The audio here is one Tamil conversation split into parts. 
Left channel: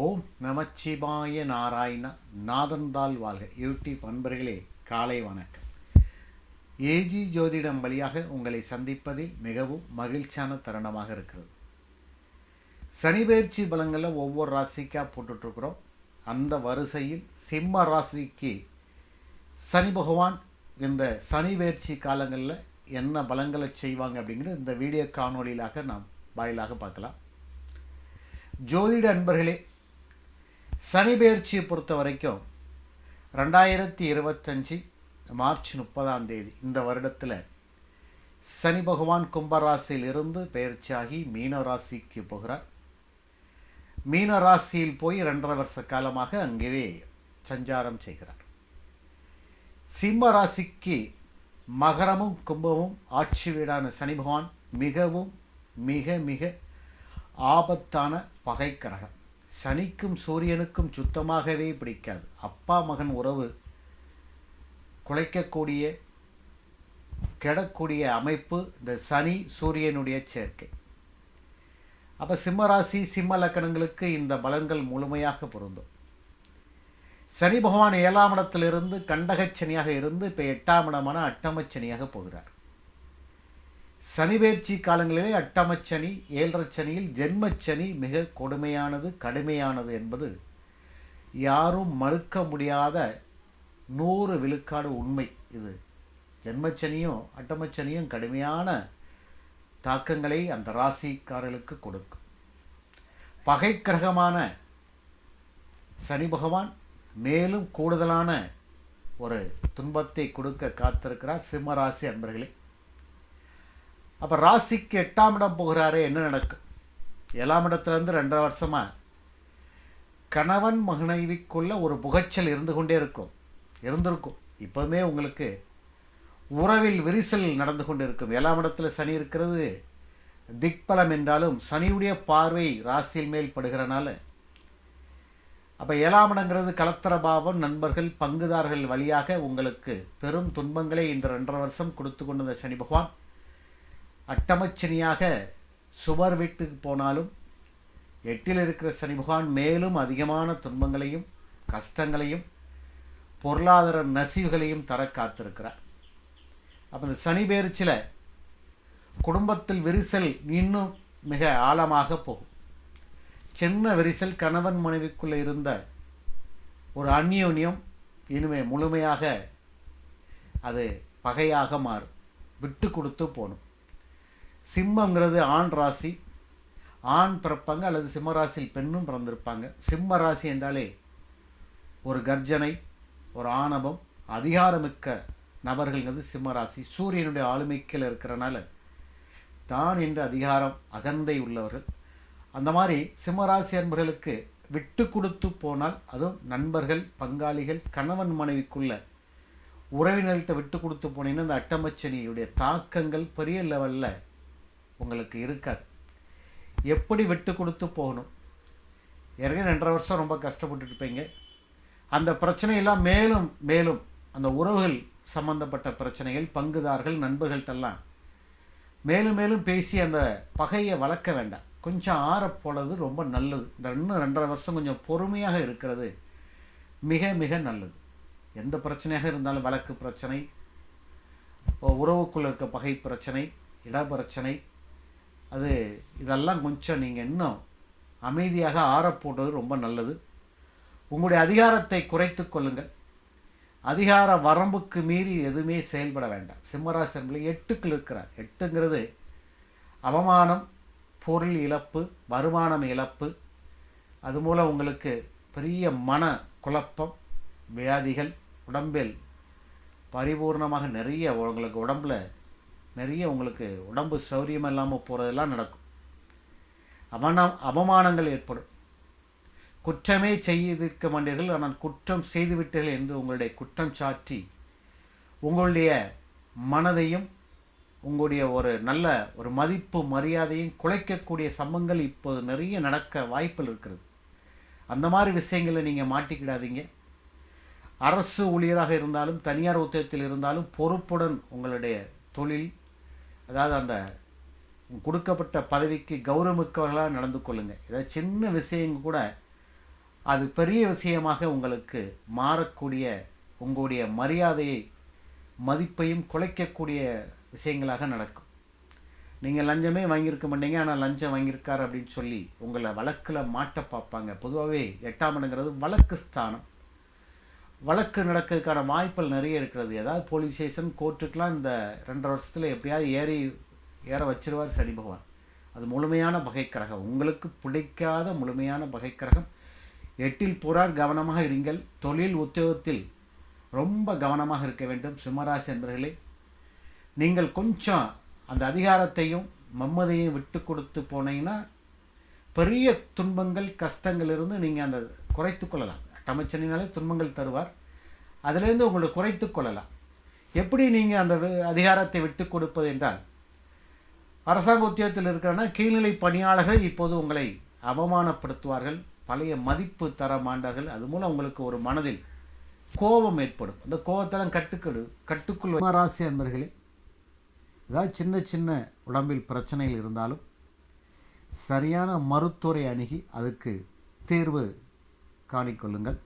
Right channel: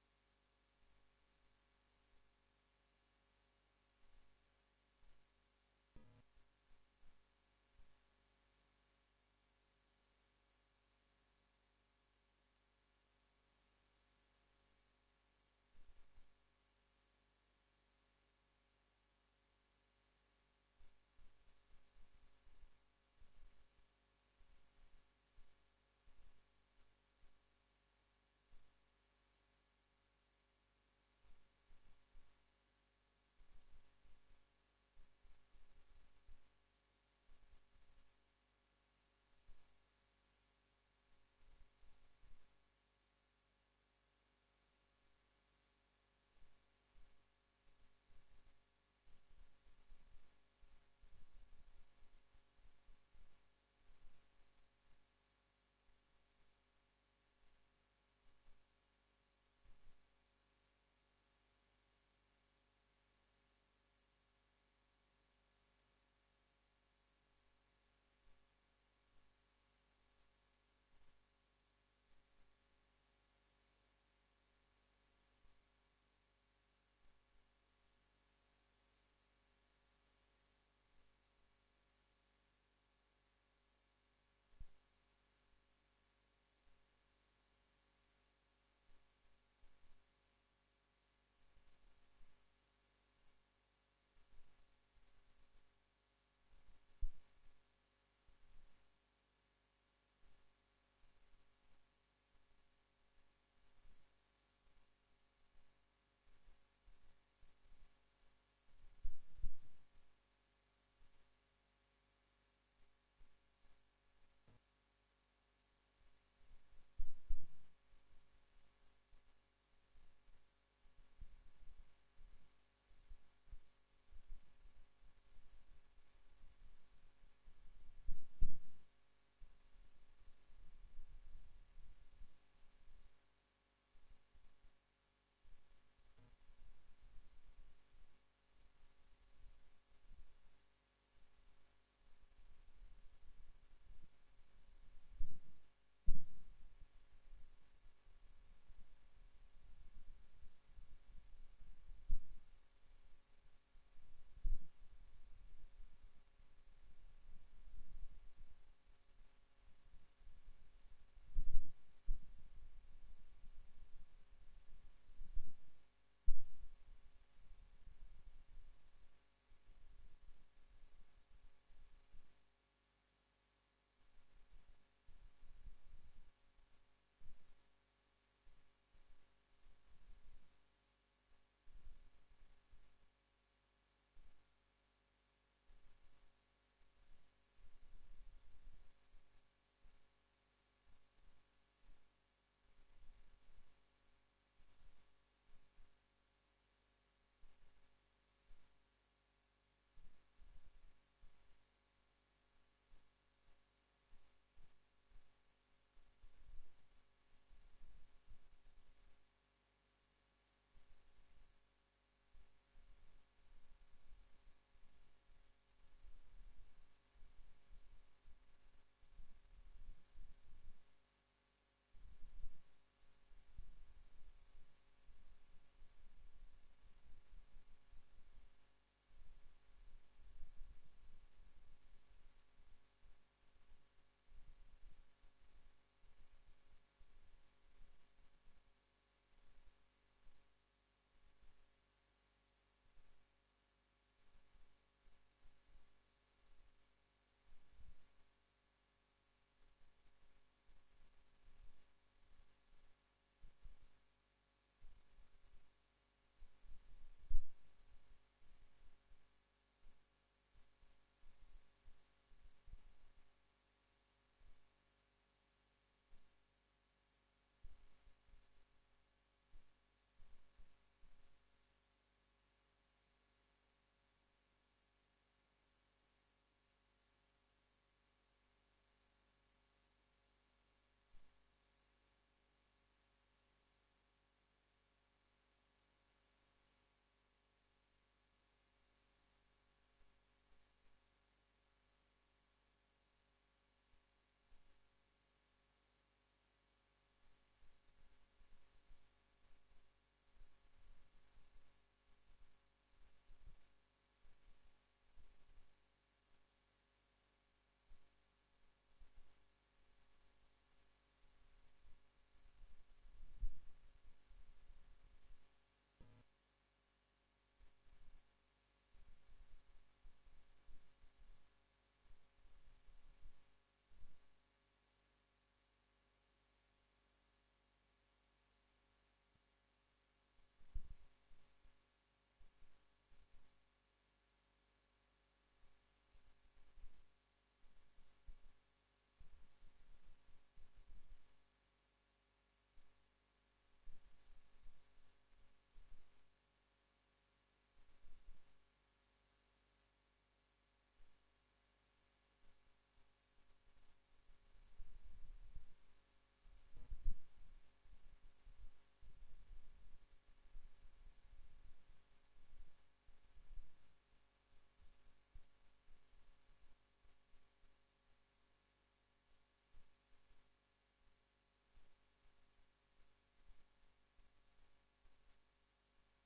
ஓம் நமச்சிவாய நாராயண நாதந்தாள் வாழ்க. யூடியூப் அன்பர்களே காலை வணக்கம். ஏஜி ஜோதிடம் வழியாக உங்களை சந்திப்பதில் மிகவும் மகிழ்ச்சியான தருணமாக இருக்கிறது. சனிபெயர்ச்சி பலங்களில் ஒவ்வொரு ராசிக்காக போட்டுட்ருக்குறோம். அந்த வரிசையில் சிம்ம ராசிக்கு சனி பகவான் இந்த சனி பயிற்சி காலங்களில் என்ன பலங்களை செய்வாங்க அப்படிங்கிறது இந்த வீடியோ காணொலியிலாக நாம் வாயிலாக பார்க்கலாம். ஜோதிட அன்பர்களே சனி பெயர்ச்சியை பொறுத்த வரைக்கும் ரெண்டாயிரத்தி இருபத்தஞ்சி மார்ச் முப்பதாம் தேதி இந்த வருடத்தில் சனி பகவான் கும்பராசியில் இருந்து பெயர்ச்சியாகி மீன ராசிக்கு போகிறார். மீன ராசியில் போய் ரெண்டரை வருஷ காலமாக அங்கேயே சஞ்சாரம் செய்கிறார். சிம்ம ராசிக்கு மகரமும் கும்பமும் ஆட்சி வீடான சனி பகவான் மிகவும் மிக மிக ஆபத்தான பகை கிரகம் சனிக்கும் சூரியனுக்கும் சுத்தமாகவே பிடிக்காது. அப்பா மகன் உறவு குலைக்கக்கூடிய கெடக்கூடிய அமைப்பு இந்த சனி சூரியனுடைய சேர்க்கை. அப்போ சிம்மராசி சிம்ம லக்கணங்களுக்கு இந்த பலன்கள் முழுமையாக பொருந்தும். சனி பகவான் ஏழாம் இடத்திலிருந்து கண்டகச்சனியாக இருந்து இப்போ எட்டாம் இடமான அட்டமச்சனியாக போகிறார். சனிபெயர்ச்சி காலங்களிலே அட்டமச்சனி ஏழரச்சனியில் ஜென்மச்சனி மிக கொடுமையானது கடுமையானது என்பது யாரும் மறுக்க முடியாத நூறு விழுக்காடு உண்மை இது. ஜென்மச்சனியும் அட்டமச்சனியும் கடுமையான தாக்கங்களை அந்த ராசிக்காரர்களுக்கு கொடுக்கும். பகை கிரகமான சனி பகவான் மேலும் கூடுதலான ஒரு துன்பத்தை கொடுக்க காத்திருக்கிறார். சிம்மராசி அன்பர்களே. அப்போ ராசிக்கு எட்டாம் இடம் போகிறாரே என்ன நடக்கும் ஏழாம் இடத்துலேருந்து ரெண்டரை வருஷமாக கணவன் மகனைவிக்குள்ள ஒரு புகைச்சல் இருந்து கொண்டே இருக்கும். இருந்திருக்கும். இப்போவுமே உங்களுக்கு உறவில் விரிசல் நடந்து கொண்டு இருக்கும். ஏழாம் இடத்துல சனி இருக்கிறது திக்பலம் என்றாலும் சனியுடைய பார்வை ராசியில் மேல் படுகிறனால. அப்போ ஏழாம் இடங்கிறது கலத்தரபாவம் நண்பர்கள் பங்குதாரர்கள் வழியாக உங்களுக்கு பெரும் துன்பங்களை இந்த ரெண்டரை வருஷம் கொடுத்து கொண்டிருந்த சனி பகவான். அட்டமச்சனியாக சுவர் வீட்டுக்கு போனாலும் எட்டில் இருக்கிற சனி பகவான் மேலும் அதிகமான துன்பங்களையும் கஷ்டங்களையும் பொருளாதார நசிவுகளையும் தர காத்திருக்கிறார். அப்போ இந்த சனி பேரிச்சில் குடும்பத்தில் விரிசல் இன்னும் மிக ஆழமாக போகும். சின்ன விரிசல் கணவன் மனைவிக்குள்ளே இருந்த ஒரு அந்யோன்யம் இனிமே முழுமையாக அது பகையாக மாறும். விட்டு கொடுத்து போகணும். சிம்மங்கிறது ஆண் ராசி ஆண் பிறப்பாங்க அல்லது சிம்ம ராசியில் பெண்ணும் பிறந்திருப்பாங்க. சிம்ம ராசி என்றாலே ஒரு கர்ஜனை ஒரு ஆணவம் அதிகாரமிக்க நபர்கள்ங்கிறது சிம்ம ராசி. சூரியனுடைய ஆளுமைக்கில் இருக்கிறனால தான் என்ற அதிகாரம் அகந்தை உள்ளவர்கள். அந்த மாதிரி சிம்மராசி அன்பர்களுக்கு விட்டு கொடுத்து போனால் அதுவும் நண்பர்கள் பங்காளிகள் கணவன் மனைவிக்குள்ள உறவினர்கள்ட்ட விட்டு கொடுத்து போனீங்கன்னா இந்த அட்டமச்சனியுடைய தாக்கங்கள் பெரிய லெவலில் உங்களுக்கு இருக்காது. எப்படி விட்டு கொடுத்து போகணும்? ஏற்கனவே ரெண்டரை வருஷம் ரொம்ப கஷ்டப்பட்டு இருப்பீங்க. அந்த பிரச்சனையெல்லாம் மேலும் மேலும் அந்த உறவுகள் சம்பந்தப்பட்ட பிரச்சனைகள் பங்குதார்கள் நண்பர்கள்ட்டெல்லாம் மேலும் மேலும் பேசி அந்த பகையை வளர்க்க வேண்டாம். கொஞ்சம் ஆறப்போனது ரொம்ப நல்லது. இந்த இன்னும் ரெண்டரை வருஷம் கொஞ்சம் பொறுமையாக இருக்கிறது மிக மிக நல்லது. எந்த பிரச்சனையாக இருந்தாலும் வழக்கு பிரச்சனை உறவுக்குள்ள இருக்க பகை பிரச்சனை இட பிரச்சனை அது இதெல்லாம் கொஞ்சம் நீங்கள் இன்னும் அமைதியாக ஆறப்போடுறது ரொம்ப நல்லது. உங்களுடைய அதிகாரத்தை குறைத்து கொள்ளுங்கள். அதிகார வரம்புக்கு மீறி எதுவுமே செயல்பட வேண்டாம். சிம்மராசி எட்டுக்குள் இருக்கிறார். எட்டுங்கிறது அவமானம் பொருள் இழப்பு வருமானம் இழப்பு. அது மூலம் உங்களுக்கு பெரிய மன குழப்பம் வியாதிகள் உடம்பில் பரிபூர்ணமாக நிறைய உங்களுக்கு உடம்பில் நிறைய உங்களுக்கு உடம்பு சௌரியம் இல்லாமல் போகிறதெல்லாம் நடக்கும். அவன அவமானங்கள் ஏற்படும். குற்றமே செய்திருக்க மாட்டீர்கள் ஆனால் குற்றம் செய்துவிட்டீர்கள் என்று உங்களுடைய குற்றம் சாற்றி உங்களுடைய மனதையும் உங்களுடைய ஒரு நல்ல ஒரு மதிப்பு மரியாதையும் குலைக்கக்கூடிய சம்பவங்கள் இப்போது நிறைய நடக்க வாய்ப்பில் இருக்கிறது. அந்த மாதிரி விஷயங்களை நீங்கள் மாட்டிக்கிடாதீங்க. அரசு ஊழியராக இருந்தாலும் தனியார் உத்தியத்தில் இருந்தாலும் பொறுப்புடன் உங்களுடைய தொழில் அதாவது அந்த கொடுக்கப்பட்ட பதவிக்கு கௌரவமிக்கவர்களாக நடந்து கொள்ளுங்கள் ஏதாவது சின்ன விஷயங்க கூட அது பெரிய விஷயமாக உங்களுக்கு மாறக்கூடிய உங்களுடைய மரியாதையை மதிப்பையும் குலைக்கக்கூடிய விஷயங்களாக நடக்கும். நீங்கள் லஞ்சமே வாங்கியிருக்க மாட்டீங்க ஆனால் லஞ்சம் வாங்கியிருக்கார் அப்படின்னு சொல்லி உங்களை வழக்கில் மாட்ட பார்ப்பாங்க. பொதுவாகவே எட்டாம் இடங்கிறது வழக்கு ஸ்தானம். வழக்கு நடக்கிறதுக்கான வாய்ப்புகள் நிறைய இருக்கிறது. ஏதாவது போலீஸ் ஸ்டேஷன் கோர்ட்டுக்கெலாம் இந்த ரெண்டரை வருஷத்தில் எப்படியாவது ஏறி ஏற வச்சிருவார் சனி பகவான். அது முழுமையான பகைக்கிரகம். உங்களுக்கு பிடிக்காத முழுமையான பகைக்கிரகம். எட்டில் புறார் கவனமாக இருங்கள். தொழில் உத்தியோகத்தில் ரொம்ப கவனமாக இருக்க வேண்டும் சிம்மராசி என்பர்களே நீங்கள் கொஞ்சம் அந்த அதிகாரத்தையும் மம்மதையும் விட்டு கொடுத்து போனீங்கன்னா பெரிய துன்பங்கள் கஷ்டங்கள் இருந்து நீங்கள் அந்த குறைத்து கொள்ளலாம். அட்டமச்சனினாலே துன்பங்கள் தருவார். அதிலேருந்து உங்களை குறைத்து கொள்ளலாம். எப்படி நீங்கள் அந்த அதிகாரத்தை விட்டு கொடுப்பது என்றால் அரசாங்க உத்தியோகத்தில் இருக்கிறனா கீழ்நிலை பணியாளர்கள் இப்போது உங்களை அவமானப்படுத்துவார்கள் பழைய மதிப்பு தர மாட்டார்கள். அது மூலம் உங்களுக்கு ஒரு மனதில் கோபம் ஏற்படும். அந்த கோபத்தெல்லாம் கட்டுக்கடு கட்டுக்குள் ராசி அன்பர்களே ஏதாவது சின்ன சின்ன உடம்பில் பிரச்சனைகள் இருந்தாலும் சரியான மருத்துவரை அணுகி அதுக்கு தீர்வு காணிக்கொள்ளுங்கள்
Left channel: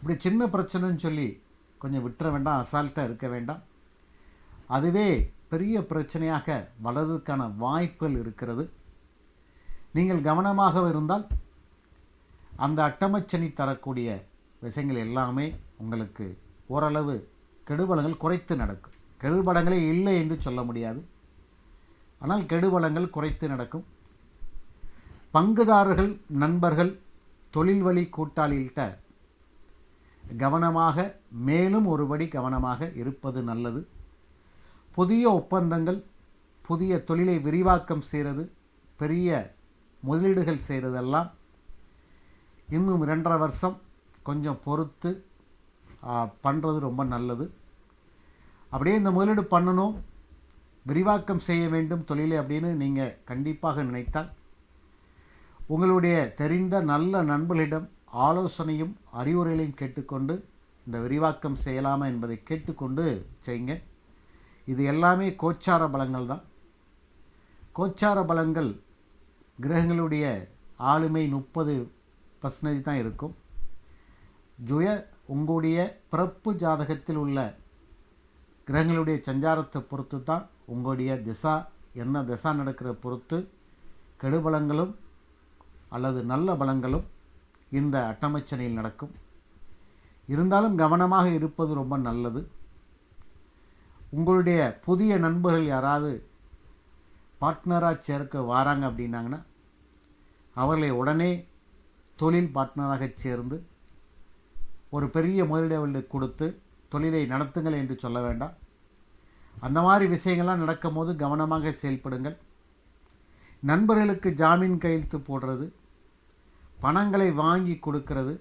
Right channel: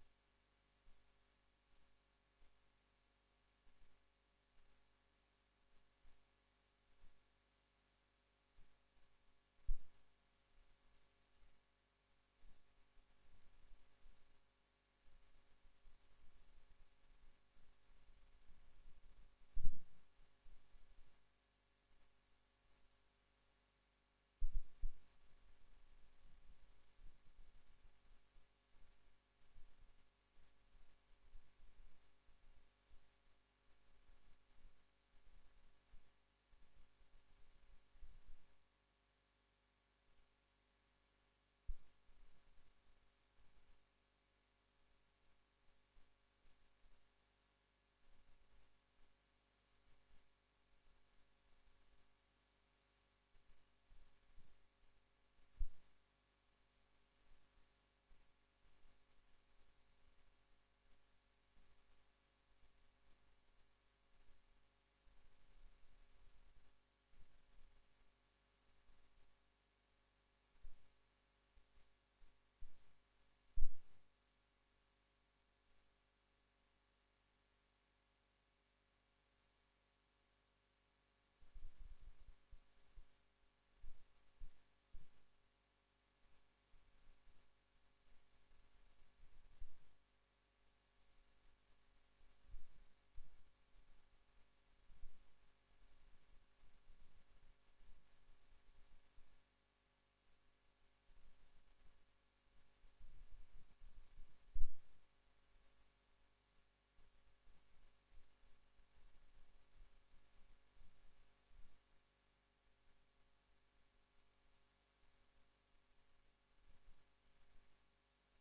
இப்படி சின்ன பிரச்சனைன்னு சொல்லி கொஞ்சம் விட்டுற வேண்டாம் அசால்ட்டாக இருக்க வேண்டாம். அதுவே பெரிய பிரச்சனையாக வளர்றதுக்கான வாய்ப்புகள் இருக்கிறது. நீங்கள் கவனமாக இருந்தால் அந்த அட்டமச்சனி தரக்கூடிய விஷயங்கள் எல்லாமே உங்களுக்கு ஓரளவு கெடுபலங்கள் குறைத்து நடக்கும். கெடுபலங்களே இல்லை என்று சொல்ல முடியாது. ஆனால் கெடுபலங்கள் குறைத்து நடக்கும். பங்குதாரர்கள் நண்பர்கள் தொழில் வழி கூட்டாளிகிட்ட கவனமாக மேலும் ஒருபடி கவனமாக இருப்பது நல்லது. புதிய ஒப்பந்தங்கள் புதிய தொழிலை விரிவாக்கம் செய்கிறது பெரிய முதலீடுகள் செய்கிறதெல்லாம் இன்னும் ரெண்டரை வருஷம் கொஞ்சம் பொறுத்து பண்ணுறது ரொம்ப நல்லது. அப்படியே இந்த முதலீடு பண்ணணும் விரிவாக்கம் செய்ய வேண்டும் தொழிலை அப்படின்னு நீங்கள் கண்டிப்பாக நினைத்தால் உங்களுடைய தெரிந்த நல்ல நண்பர்களிடம் ஆலோசனையும் அறிவுரைகளையும் கேட்டுக்கொண்டு இந்த விரிவாக்கம் செய்யலாமா என்பதை கேட்டுக்கொண்டு செய்யுங்க. இது எல்லாமே கோச்சார பலங்கள் தான். கோச்சார பலங்கள் கிரகங்களுடைய ஆளுமை முப்பது பர்சன்டேஜ் தான் இருக்கும். ஜுய உங்களுடைய பிறப்பு ஜாதகத்தில் உள்ள கிரகங்களுடைய சஞ்சாரத்தை பொறுத்து தான் உங்களுடைய திசா என்ன திசா நடக்கிற பொறுத்து கெடுபலங்களும் அல்லது நல்ல பலங்களும் இந்த அட்டமச்சனையில் நடக்கும். இருந்தாலும் கவனமாக இருப்பது ரொம்ப நல்லது. உங்களுடைய புதிய நண்பர்கள் யாராவது பார்ட்னராக சேர்க்க வராங்க அப்படின்னாங்கன்னா அவர்களை உடனே தொழில் பார்ட்னராக சேர்ந்து ஒரு பெரிய முதலீடுகளுக்கு கொடுத்து தொழிலை நடத்துங்கள் என்று சொல்ல வேண்டாம். அந்த மாதிரி விஷயங்கள்லாம் நடக்கும்போது கவனமாக செயல்படுங்கள். நண்பர்களுக்கு ஜாமீன் கையெழுத்து போடுறது பணங்களை வாங்கி கொடுக்கறது.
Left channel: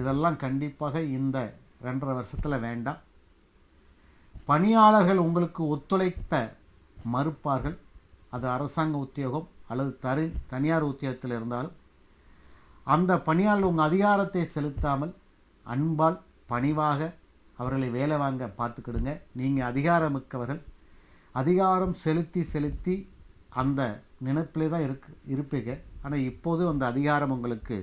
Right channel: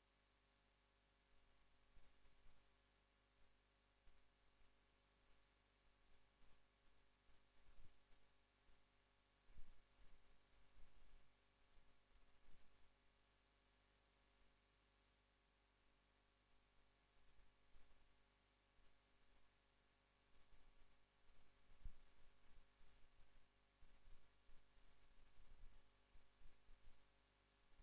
இதெல்லாம் கண்டிப்பாக இந்த ரெண்டரை வருஷத்தில் வேண்டாம். பணியாளர்கள் உங்களுக்கு ஒத்துழைப்ப மறுப்பார்கள். அது அரசாங்க உத்தியோகம் அல்லது தரு தனியார் உத்தியோகத்தில் இருந்தாலும் அந்த பணியாளர் உங்கள் அதிகாரத்தை செலுத்தாமல் அன்பால் பணிவாக அவர்களை வேலை வாங்க பார்த்துக்கிடுங்க. நீங்கள் அதிகாரமிக்கவர்கள். அதிகாரம் செலுத்தி செலுத்தி அந்த நினைப்பிலே தான் இருக்கு இருப்பீங்க. ஆனால் இப்போது அந்த அதிகாரம் உங்களுக்கு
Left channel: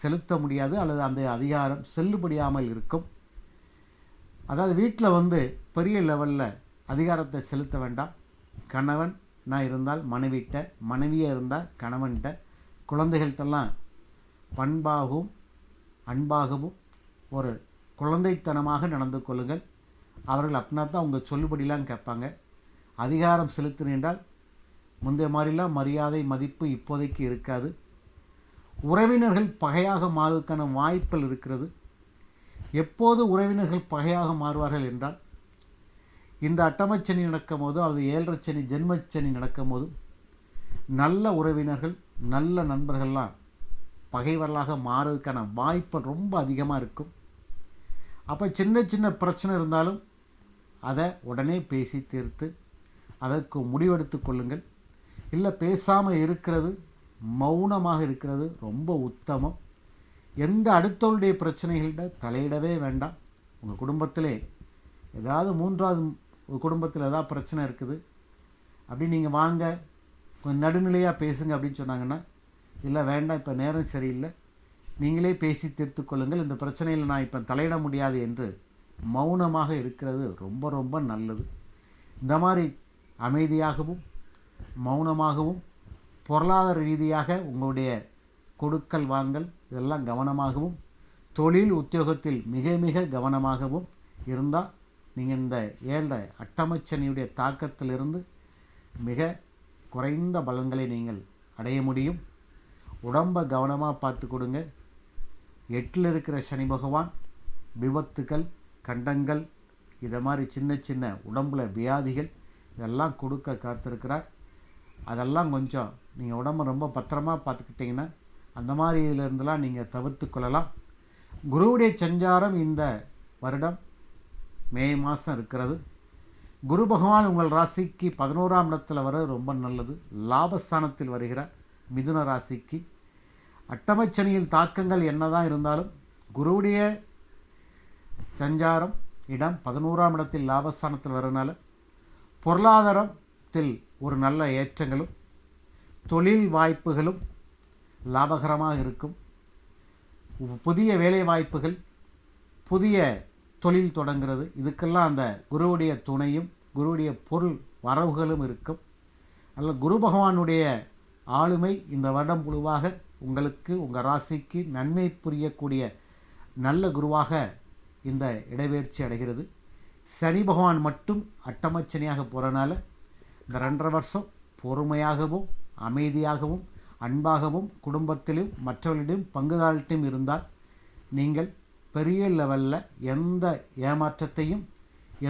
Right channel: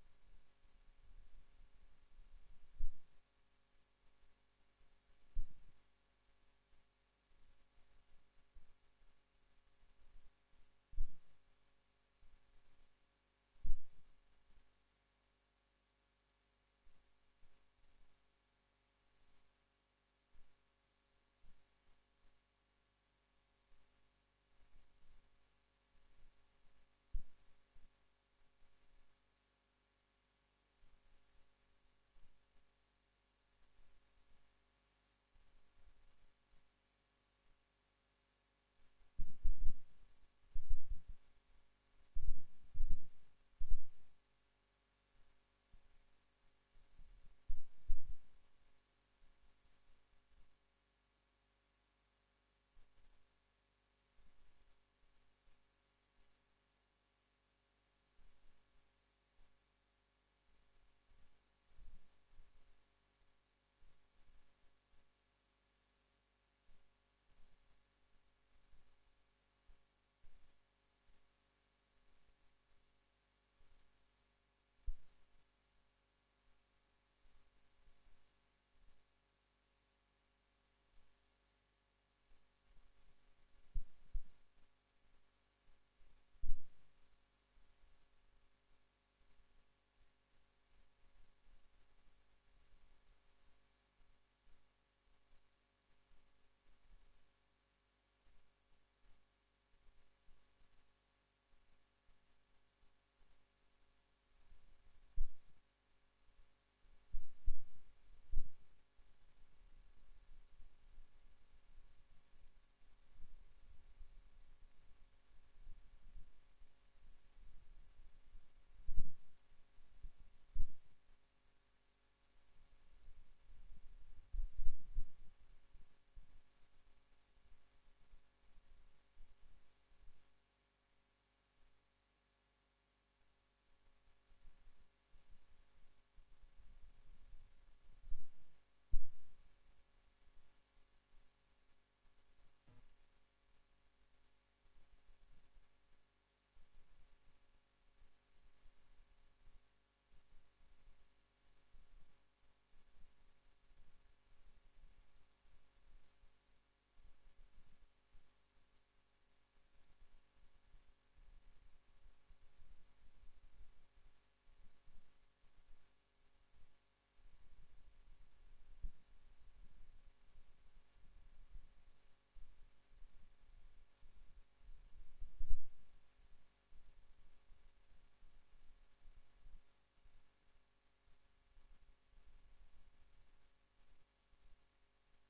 செலுத்த முடியாது அல்லது அந்த அதிகாரம் செல்லுபடியாமல் இருக்கும். அதாவது வீட்டில் வந்து பெரிய லெவலில் அதிகாரத்தை செலுத்த வேண்டாம். கணவன் நான் இருந்தால் மனைவிட்ட மனைவியாக இருந்தால் கணவன்கிட்ட குழந்தைகள்கிட்டலாம் பண்பாகவும் அன்பாகவும் ஒரு குழந்தைத்தனமாக நடந்து கொள்ளுங்கள். அவர்கள் அப்படின்னா தான் உங்கள் சொல்லுபடிலாம் கேட்பாங்க. அதிகாரம் செலுத்தின என்றால் முந்தைய மாதிரிலாம் மரியாதை மதிப்பு இப்போதைக்கு இருக்காது. உறவினர்கள் பகையாக மாறுவதற்கான வாய்ப்புகள் இருக்கிறது. எப்போது உறவினர்கள் பகையாக மாறுவார்கள் என்றால் இந்த அட்டமச்சனி நடக்கும் போது அல்லது ஏழரைச்சனி ஜென்மச்சனி நடக்கும் போது நல்ல உறவினர்கள் நல்ல நண்பர்கள்லாம் பகைவர்களாக மாறுவதற்கான வாய்ப்பு ரொம்ப அதிகமாக இருக்கும். அப்போ சின்ன சின்ன பிரச்சனை இருந்தாலும் அதை உடனே பேசி தீர்த்து அதற்கு முடிவெடுத்து கொள்ளுங்கள். இல்லை பேசாமல் இருக்கிறது மௌனமாக இருக்கிறது ரொம்ப உத்தமம். எந்த அடுத்தவருடைய பிரச்சனைகள்கிட்ட தலையிடவே வேண்டாம். உங்கள் குடும்பத்திலே ஏதாவது மூன்றாவது குடும்பத்தில் ஏதாவது பிரச்சனை இருக்குது அப்படி நீங்கள் வாங்க கொஞ்சம் நடுநிலையாக பேசுங்க அப்படின்னு சொன்னாங்கன்னா இல்லை வேண்டாம் இப்போ நேரம் சரியில்லை. நீங்களே பேசி தீர்த்து கொள்ளுங்கள். இந்த பிரச்சனையில் நான் இப்போ தலையிட முடியாது என்று மௌனமாக இருக்கிறது ரொம்ப ரொம்ப நல்லது. இந்த மாதிரி அமைதியாகவும் மௌனமாகவும் பொருளாதார ரீதியாக உங்களுடைய கொடுக்கல் வாங்கல் இதெல்லாம் கவனமாகவும் தொழில் உத்தியோகத்தில் மிக மிக கவனமாகவும் இருந்தால் நீங்கள் இந்த ஏழை அட்டமச்சனியுடைய தாக்கத்திலிருந்து மிக குறைந்த பலன்களை நீங்கள் அடைய முடியும். உடம்பை கவனமாக பார்த்து கொடுங்க. எட்டில் இருக்கிற சனி பகவான் விபத்துக்கள் கண்டங்கள் இதை மாதிரி சின்ன சின்ன உடம்பில் வியாதிகள் இதெல்லாம் கொடுக்க காத்திருக்கிறார். அதெல்லாம் கொஞ்சம் நீங்கள் உடம்பை ரொம்ப பத்திரமா பார்த்துக்கிட்டிங்கன்னா அந்த மாதிரி இதிலிருந்துலாம் நீங்கள் தவிர்த்து கொள்ளலாம். குருவுடைய சஞ்சாரம் இந்த வருடம் மே மாதம் இருக்கிறது. குரு பகவான் உங்கள் ராசிக்கு பதினோராம் இடத்துல வர ரொம்ப நல்லது. லாபஸ்தானத்தில் வருகிறார் மிதுன ராசிக்கு. அட்டமச்சனியில் தாக்கங்கள் என்னதான் இருந்தாலும் குருவுடைய சஞ்சாரம் இடம் பதினோராம் இடத்தில் லாபஸ்தானத்தில் வரனால பொருளாதாரத்தில் ஒரு நல்ல ஏற்றங்களும் தொழில் வாய்ப்புகளும் லாபகரமாக இருக்கும். புதிய வேலை வாய்ப்புகள் புதிய தொழில் தொடங்கிறது இதுக்கெல்லாம் அந்த குருவுடைய துணையும் குருவுடைய பொருள் வரவுகளும் இருக்கும். அல்ல குரு பகவானுடைய ஆளுமை இந்த வருடம் முழுவாக உங்களுக்கு உங்கள் ராசிக்கு நன்மை புரியக்கூடிய நல்ல குருவாக இந்த இடவேர்ச்சி அடைகிறது. சனி பகவான் மட்டும் அட்டமச்சனியாக போகிறனால இந்த ரெண்டரை வருஷம் பொறுமையாகவும் அமைதியாகவும் அன்பாகவும் குடும்பத்திலும் மற்றவர்களிடம் பங்குதாரிட்டும் இருந்தால் நீங்கள் பெரிய லெவலில் எந்த ஏமாற்றத்தையும்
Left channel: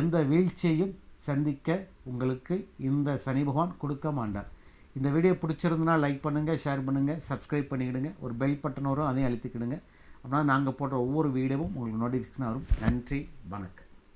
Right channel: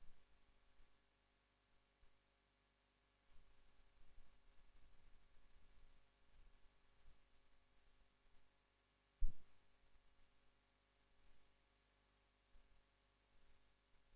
எந்த வீழ்ச்சியையும் சந்திக்க உங்களுக்கு இந்த சனி பகவான் கொடுக்க மாட்டார். இந்த வீடியோ பிடிச்சிருந்தனா லைக் பண்ணுங்கள் ஷேர் பண்ணுங்கள் சப்ஸ்கிரைப் பண்ணிக்கிடுங்க ஒரு பெல் பட்டன் வரும் அதையும் அழுத்திக்கிடுங்க. அப்படின்னா நாங்கள் போடுற ஒவ்வொரு வீடியோவும் உங்களுக்கு நோட்டிஃபிகேஷன் வரும். நன்றி வணக்கம்.